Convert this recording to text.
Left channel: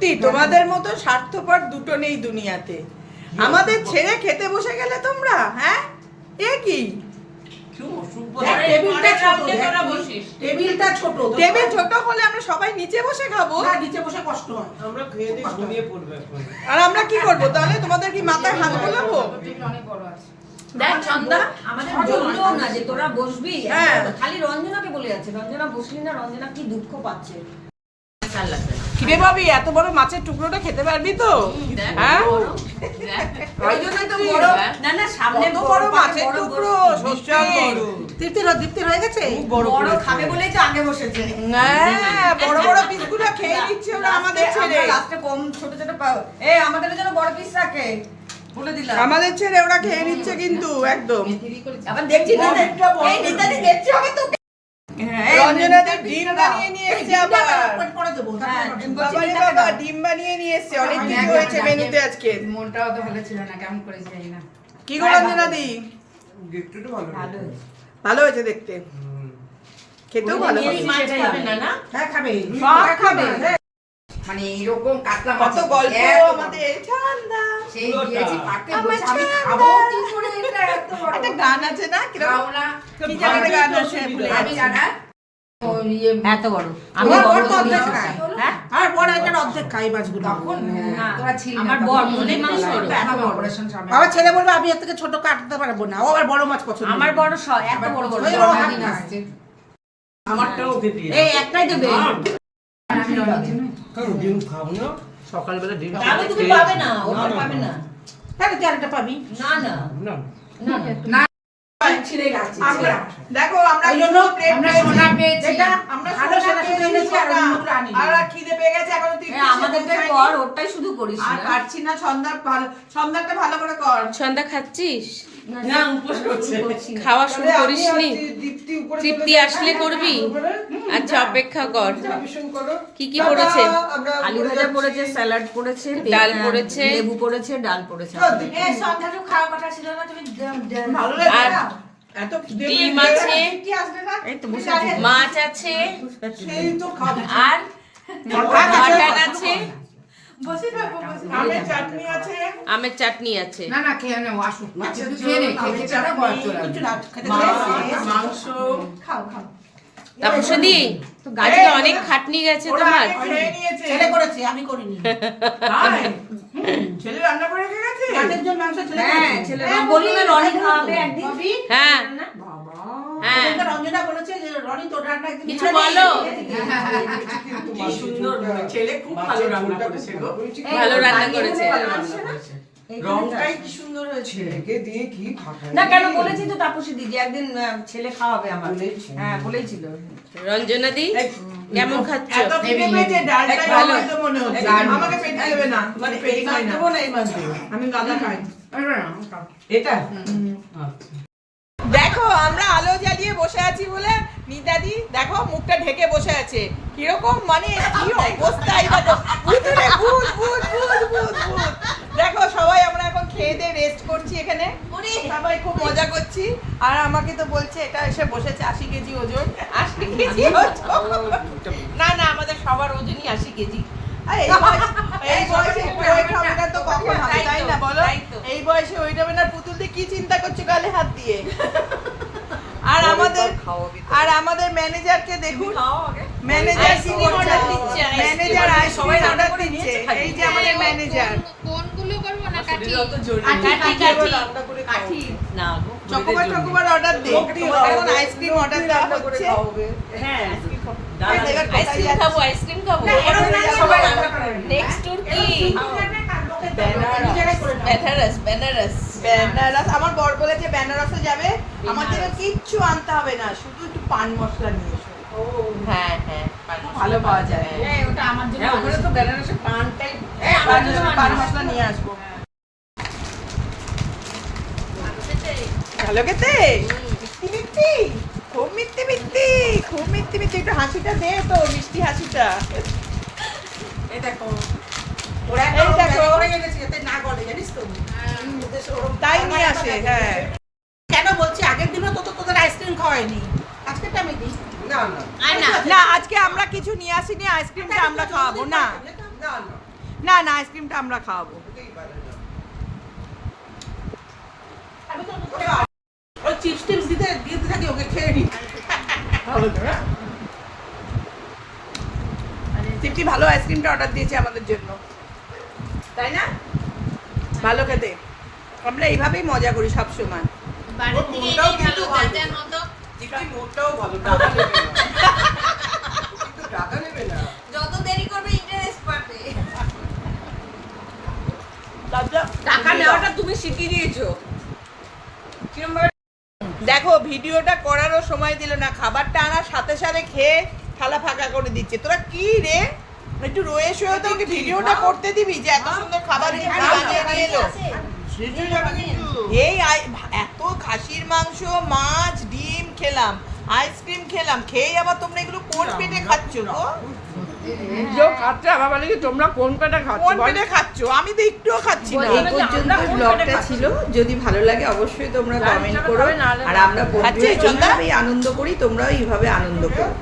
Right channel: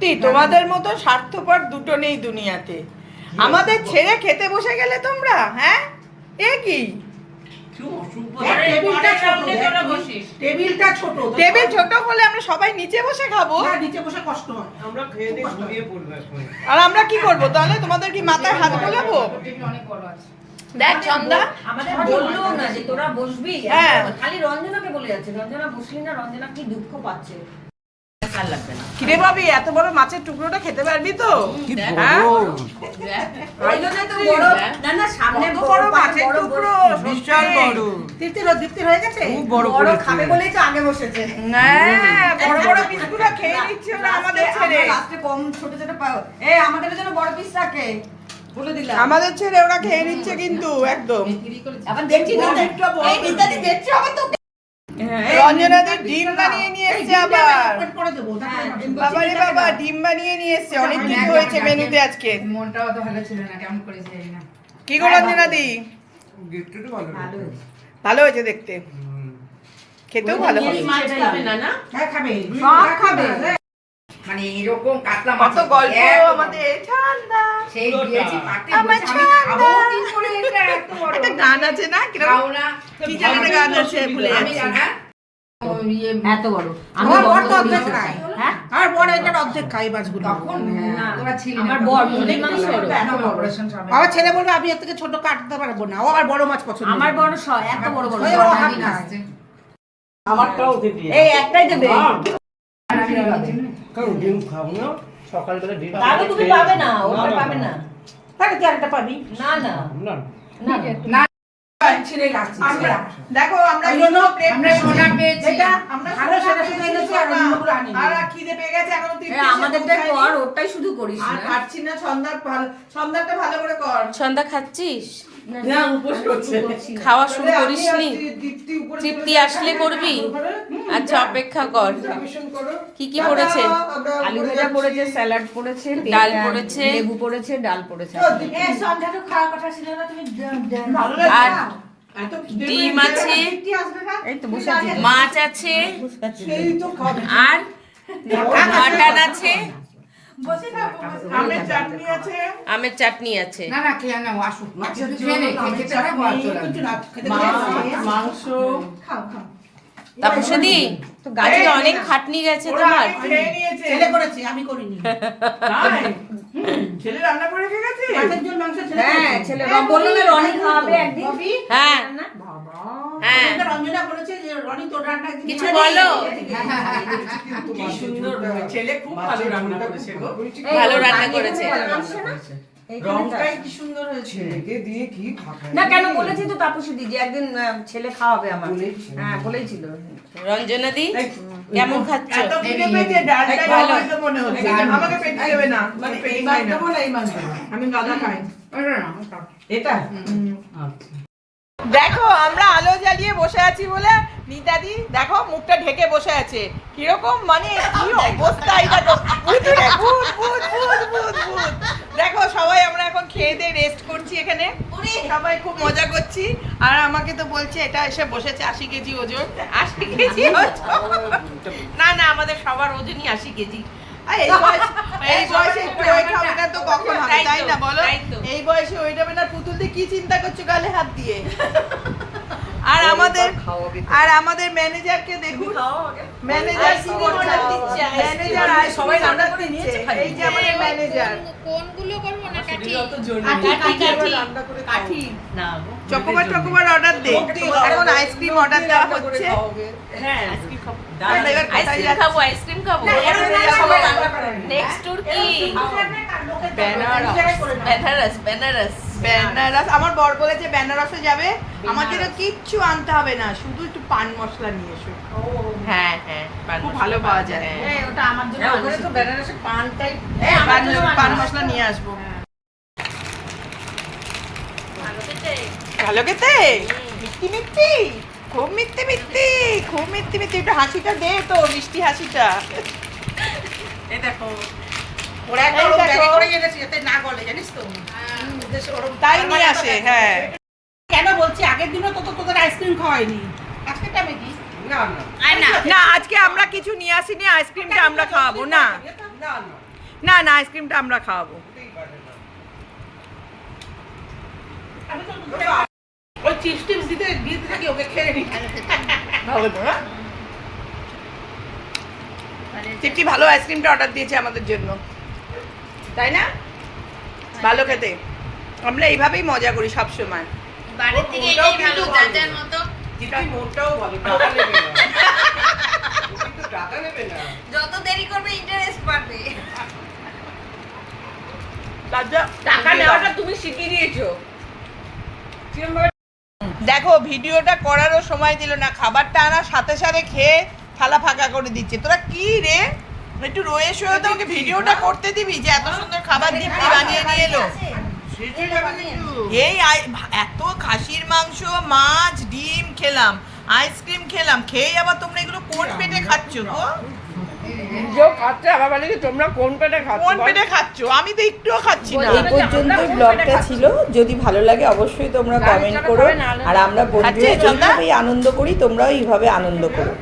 সত্যি তোমাদের মতো স্বার্থপর দুটো নেই দুনিয়াতে। আমাদের ছেড়ে খেতে বসে গেলে তোমরা, হ্যাঁ এ কি? টেবিল ছোট হলে আমরা সবাই নিচে বসে খাবো, নিচে বসে কষ্ট হয়, আমরা খেয়ে দিয়ে ঘুমিয়ে পড়বো এখন। আর আমরা কি করবো তাহলে? তোমাদের কি মাথায় হাত বোলাবো? দেখ চন্দা আমাদের বললো না যে তোরা বসবি, হ্যাঁ। খালি রঞ্জনাকে বলে যাচ্ছে রঞ্জনা বসলি না, রঞ্জনা কি দুঃখ পাচ্ছে। চাল লাগবে না। কিরে ভাবি, এত বড় মাছের টুকরোটা খেতে পারবি তো? হ্যাঁ ওই জন্যই তো বড়, না না সামনে কত বড় মাছের টুকরো, তৃপ্তির হয়ে গেছে, বড় খাবে বলেই তো আগে বসেছে। হ্যাঁ বড় বড় পিসগুলো খেয়ে নিচ্ছে ওরা আমাদের ছেড়ে। লাস্টে কম ছোট ছোট পাও, আমাদের জন্য বড় পিস রাখে বলে দিলাম। আমাদের ছেড়ে ওরা খেয়ে নিচ্ছে কিন্তু একদম। আবার দেখছি না এই নিতাদি দেখছি আবার তো রঞ্জনাদের ডিম বানিয়ে নিয়ে এসছে আবার। করে দেবো, বাবারে বাবা, ডিম বানিয়ে নিয়ে এসছে। অনেক কিছু হয়েছে মেনুতে আজকে। মনটাও তো ভালো ছিল না, কেমন করে যাই না। কি গো রঞ্জনাদি? গিফটটা ভালো হয়েছে। ভালো হয়েছে দেখতে, খেতেও ভালো হবে। মাছ খাবে না না? হ্যাঁ খাবে, সব খাবে। মানে এরকম কাতলা কত মাছের গল্প এত আমাদের। ঠান্ডা সেই দিয়েছি পাতে আমার বসে আমি ঠান্ডা। খাবো কি করে, এটা এত বড় একটা গান আছে না, কিরকম খাও না। কি যেন একটা গান আছে, ভুলে আমি যাচ্ছি। জানা এত বড় আমি আমার বড় বর তো অর্ধেক করি। খায়। হ্যাঁ আর বড় একটা অর্ধেক খাই মাছগুলো। তখন না, তোরা ছিলি আমার না, বর তখন মুরগির মাংস তখন ওরকম। এত অপারেশন সামনে আমার ছেলে বলবে আমি এর থেকে ছোট কাটতে পারবো না, ও আবার বড় মাছ পছন্দ করে। আমার বড় এত বড় বড় ওই ও হাত খায়। আসছে আমারটাও ওকে দিয়ে এই একটাই দেবে। আমি রঞ্জিত কারণ ডিম খাবো না সকালবেলা ডিম তাহলে তুমি পাবে না, ওটা পাবে না। তাহলে তুই আরেকটা পাবি। না না না না না ছিঁড়ে রাখছি, আমরা দেখো আমরা ওই জন্য আমরা সোনা পেয়েছি। যেটা আমরা ভালো সেটা শুধু এনেছি আর অন্যগুলো আনিনি। আর খিদে পেয়ে গেছে এখনো তুই আমাদেরটাই কর, ওটাই শুধু করিস আর না। পারছি না। সন্ধ্যাটা ভালো করে কর। সন্ধ্যা খাচ্ছিস? না উপোস করছে খাওয়া শুরু তাহলে আমি করিসনি? আর দীপ্তি উপরে তৃপ্তি চলে আসলে যাবো। করবি? আচ্ছা অপেক্ষা কর। ভীষণ করো। কি কি পড়েছে? আমরা আলু উপরে ভাজা যাচ্ছি। পড়েছে, স্যালাড পড়েছে, ডাল পড়েছে। লেবু পড়েছে, ডাল পড়েছে। এই সন্ধ্যাটা খাওয়ার কথা ছিল না, তুমি ভালো লাগছে আর না? এত খিদে ডিম পেয়ে আছে, গেছে, কি আসবে না? এই তো বসে আছি। মাছ আছে, সেই তো খাবে। আর মাটন আছে, আমের চাটনি আছে। আমের চাটনি আছে। না না খেয়ে নাও, আসুক একটু খেয়ে নে, খেতে খেতে ঘর চলে আসবে। কিছু না খেতে মাংস খাও খাও। তারপর শুধু গাছে অনেক খাটনি গেছে ওরা তোমার। আগে খেয়ে নিয়েছে। ছেলে করেছে, আমি করিনি। তাই? ছেলে রান্না করে রেখে গেছে? রাতের জন্য মাংস ছেলে হ্যাঁ করেছে। ছেলে বললো না রনি খাওয়াবে একদিন। হ্যাঁ বাবা। হ্যাঁ ওদেরকে রঞ্জনা বলেছে যে রনি তোর রান্না একদিন কিছু খাবে। বলো। কি সুন্দর ছেলে, খুব ভালো রান্না করেছে গো। ভালো রান্না করেছে। রংটাই কি সুন্দর হয়েছে। ছেলেকে দিয়ে কি খাটায় না কেন বলেছি তো তাপসী দিদি একদিন ছেলে খাওয়াবে আমার। হ্যাঁ বলেইছিল। রঞ্জনা দি কেমন খাচ্ছ? এত খিদে পেয়েছে, ডালটা ভালো। ভালো মনে হচ্ছে। আমাকে পেটে দেবে না, মানে পেটে খাই না। আমি গাঁদা খাই। এটা আচ্ছা। দেখো আমরা আলো জ্বালিয়ে বসে আছি বলে নিতাদি দেখো মুখটা ঢেকে বসে আছে। কিরকম মানে কি অবস্থা, এই দেখো ভুতুড়ে ভূত ভূত ভূত ভূত ভূত। দেখো সবাই আমরা এখন খেয়ে দিয়ে রেস্ট করছি এখানে, সবাই খুব মজা করছি। আর আমাকে তো বলছে এটা এসে বসেছে 80 কেজি ওজন। 80 কেজি ওজন? না না আমাদের সবার ওজনই 80 কেজি। এই বয়সে একটু ওয়েট হবে না তো কখন হবে, তাই না বলো? এই বয়সে ওয়েট হবে না। পুতুল দিয়ে কি চিন্তা করছো গালে হাত দিয়ে? আর আমাদের ম্যানেজারকে দেখুন, ম্যানেজার কি করছে? ম্যানেজার সবাই অর্ডার দিচ্ছে। এই যে আমাদের ম্যানেজার। কোনগুলো করবো না কাটি? কাঠি না গো। চকোবার টকোবার অর্ডার দে। এখন আইসক্রিম অর্ডার দেওয়া হচ্ছে। হ্যাঁ আইসক্রিম খাবো। এবার কোথায় আইসক্রিম যাচ্ছি? খাবো, আইসক্রিম খাবো। নেক্সট ট্যুর কি? বেনারস বেনারস। বেনারস। আমার বর বলেছে বেনারসে যাবে, আমার জন্য কিচ্ছু আনতে হবে না, শুধু একটু পান মশলা নিয়ে এসো। হ্যাঁ হ্যাঁ খুব ভালো পাওয়া যায়। হ্যাঁ। ওটা আমার জন্য ওখানে তো বেনারসের পানটাই পান মশলা নিয়ে আসবো। ভালো খেতে? মিষ্টি মিষ্টি, খুব মিষ্টি মিষ্টি, খুব মিষ্টি মিষ্টি। একটু হাসিটা দে তো, মিষ্টি হাসিটা। এই দেখো ওরা একটা এই ওরকম দেখো। ব্যাগে করে এনেছি যাতে না গলে, জানিস তো? ওরকম তাই নিয়ে আসে, হ্যাঁ। কেন বলছি আগের দিনও তো তোদের আইসক্রিম খাওয়াইনি, আজকেরটা আমি দিই। না না না আজকে আমরা কিছু নিয়ে আসিনি, আইসক্রিমটা আমরা খাওয়াবো না। না না না না আইসক্রিমটা আমরা খাওয়াবো। ওই চিপস টিপস দিতে থাকি ওকে খেয়ে নি। তৃপ্তি ভালো আইসক্রিমটা অর্ডার দিয়েছে আমাদের জন্য, তাই না? ভালো খেতে, আমরা এইভাবেই মজা করি সব সময়। বাড়ির থেকে এটাই ভালো, যার মতো মোটাও ভালো, টাকা নেবে না। কিন্তু টাকা নেবে না। যত দেরি করবে ইন্টারেস্ট বাড়বে। টাকা নেওয়াটা তুমি শিখিয়ে দিয়েছো। দেখো ভিডিওটা করারও সময় দিল না, খাবারটা আনার সাথে সাথে খেয়ে থালা ফাঁকা করে দিচ্ছে। তোরা কি রে, একটু রয়ে শুয়ে তোমাকে ভিডিওটা করতে দিবি যে এত সুন্দর খাবার দীপ্তি বানিয়ে নিয়ে এলো। এই এত খাসির মাংস, মাছ, ডিম খেলাম, আইসক্রিম খেলাম, খেয়ে আবার তোমরা এগুলো কোন পেটে খাচ্ছ গো? খাচ্ছে আবার বলে কি তোমরা কোন পেটে খাচ্ছ? কোন পেটে খাচ্ছ? আমি তো একটুও খাচ্ছি না। এই পর্যন্ত ব্লগটা ছিল, যদি ভালো লাগে অবশ্যই তোমরা কমেন্ট করো, আর আমরা বন্ধুরা এইভাবেই আনন্দ করি, তোমরাও এইভাবে আনন্দ করো।